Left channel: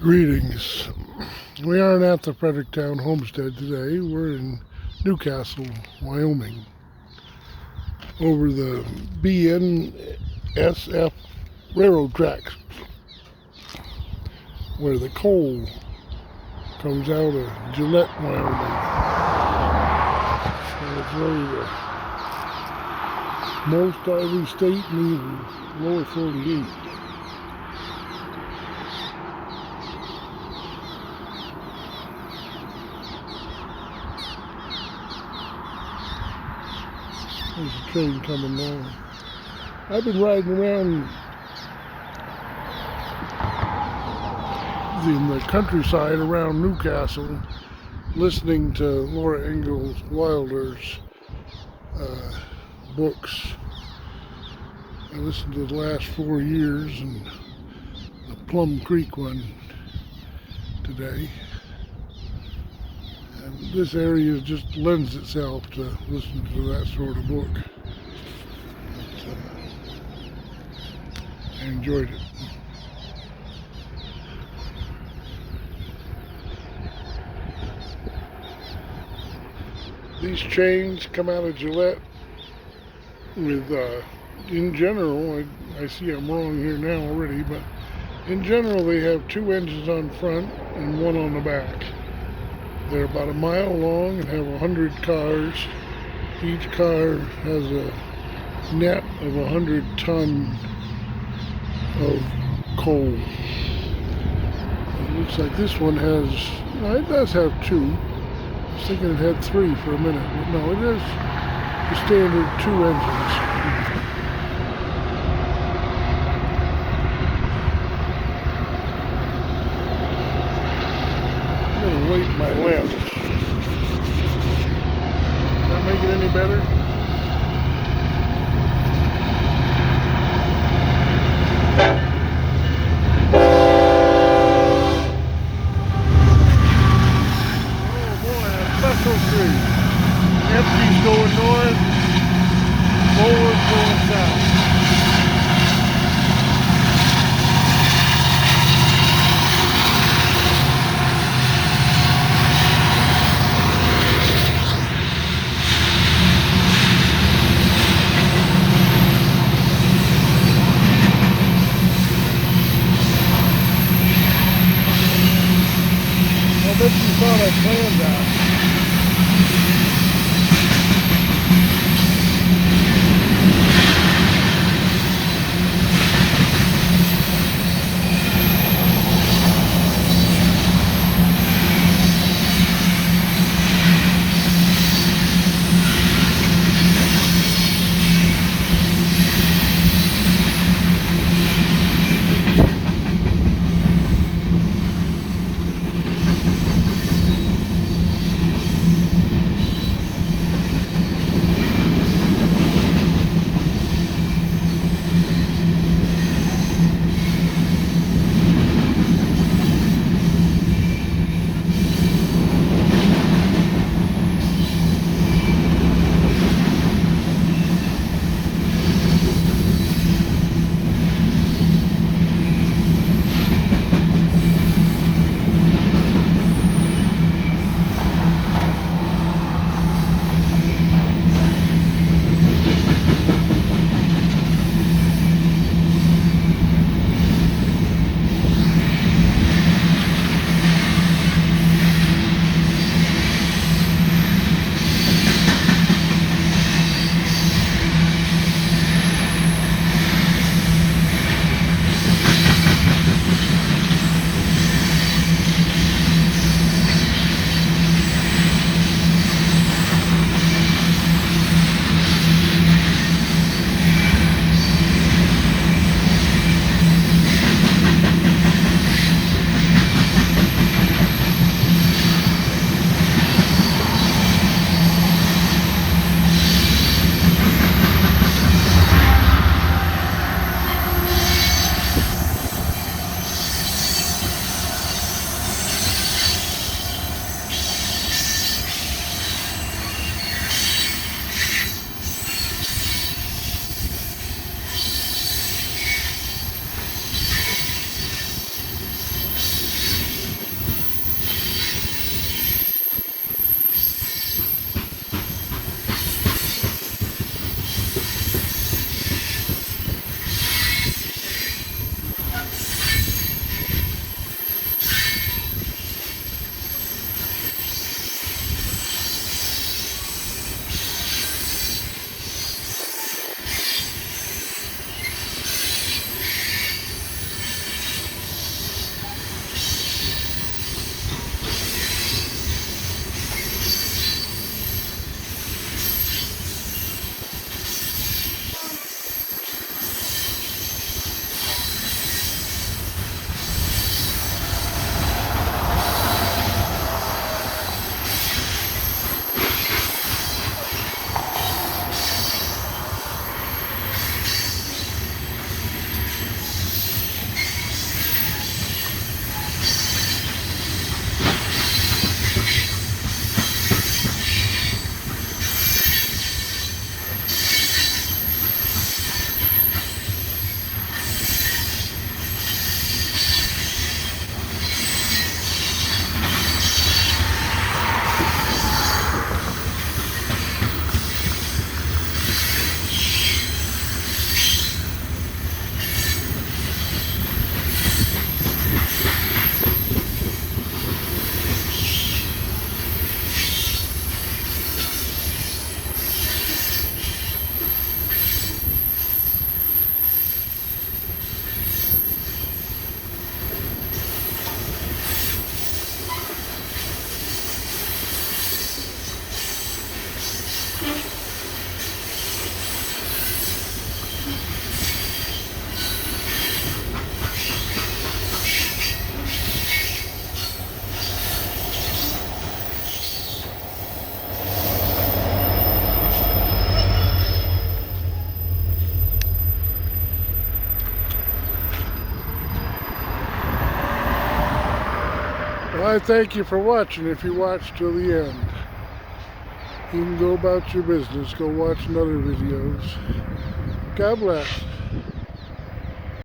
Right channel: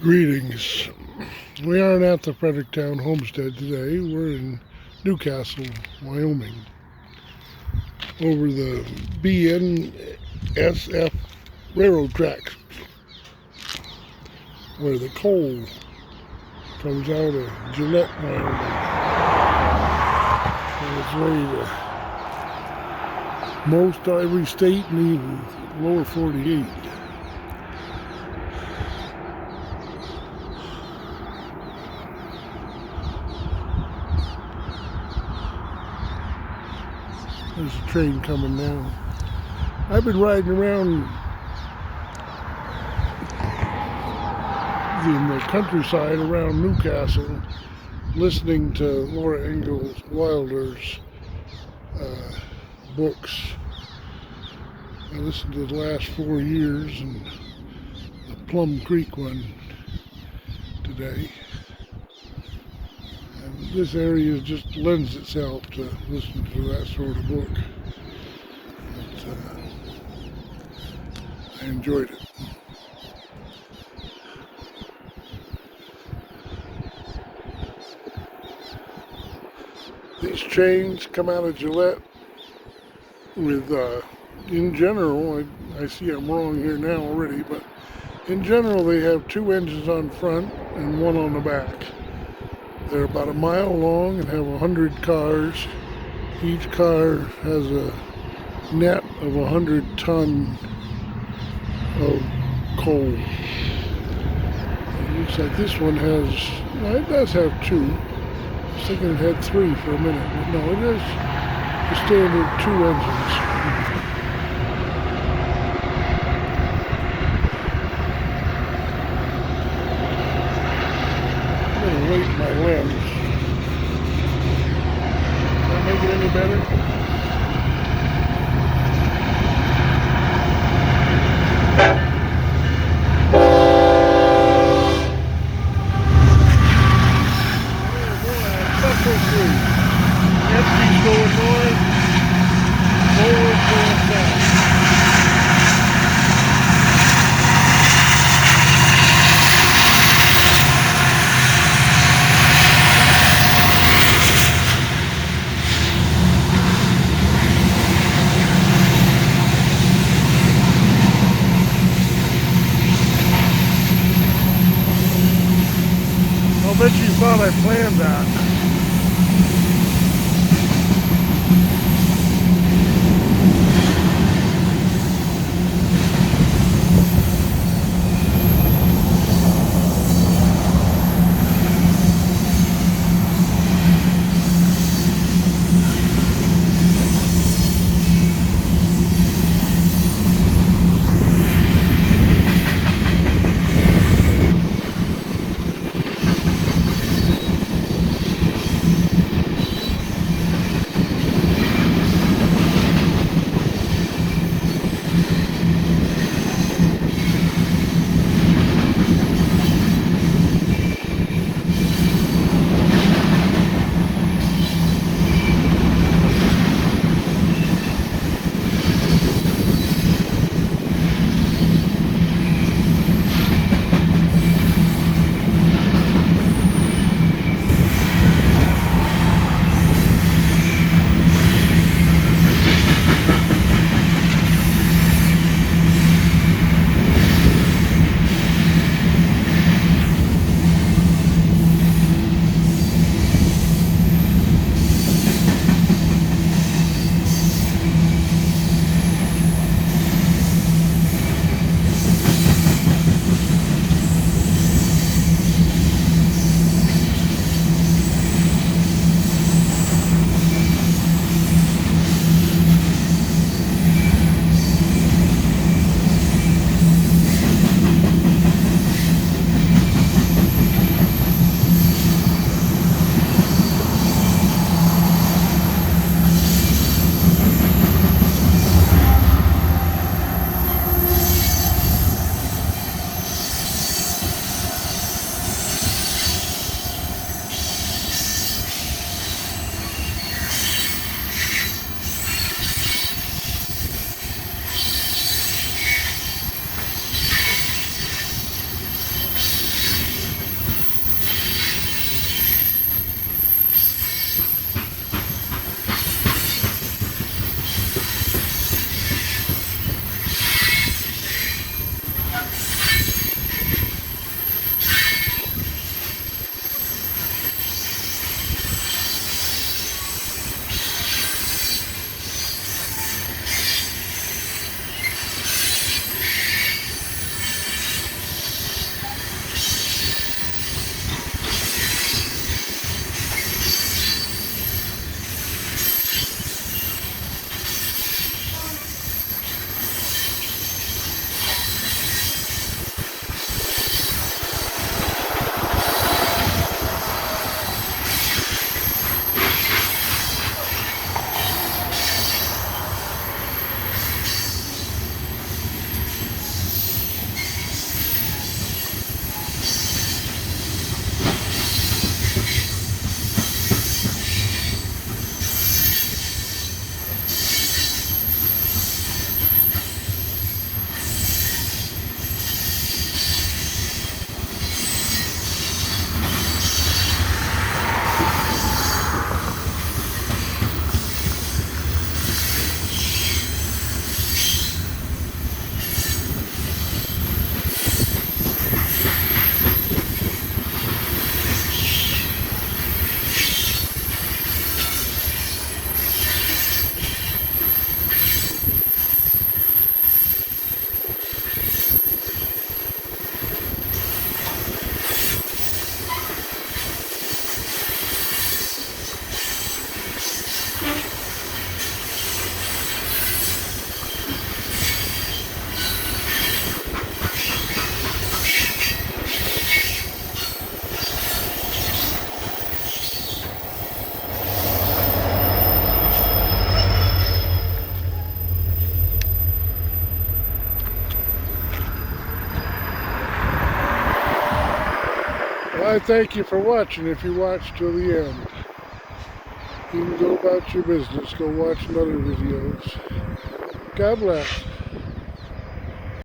Greetings. We aren't at the Fredericktown Homestead today. We're in Newcastle, Wyoming, over the BNSF railroad tracks, where the coal comes out of Gillette, Wyoming. So it's ready to most every state and even lower 48. There's a train coming now. I've been riding around in the countryside around Newcastle listening to Laura Ingalls Wilder's books. I listened to the last 4 years and the Plum Creek one today. And this area just lends itself to listen to that sort of book. But, I enjoyed it. These trains come out of Gillette with, in general, I see I'm wrong here now already, but in general they have 2 engines on front and 1 on the back. They're about a mile long and have 100 cars. Each car has a net of 100 ton of coal. It looks like this one has, well, it does have 2. I was thinking it had 3 for a minute, but no, it is the standard 2 engines. I'm going to weight my lens. Does that make it any better? Empty's going north, forward going south. I'll bet you thought I planned that. I thank you for watching if you watched till the end. You can go about your business, go watch other videos. God bless.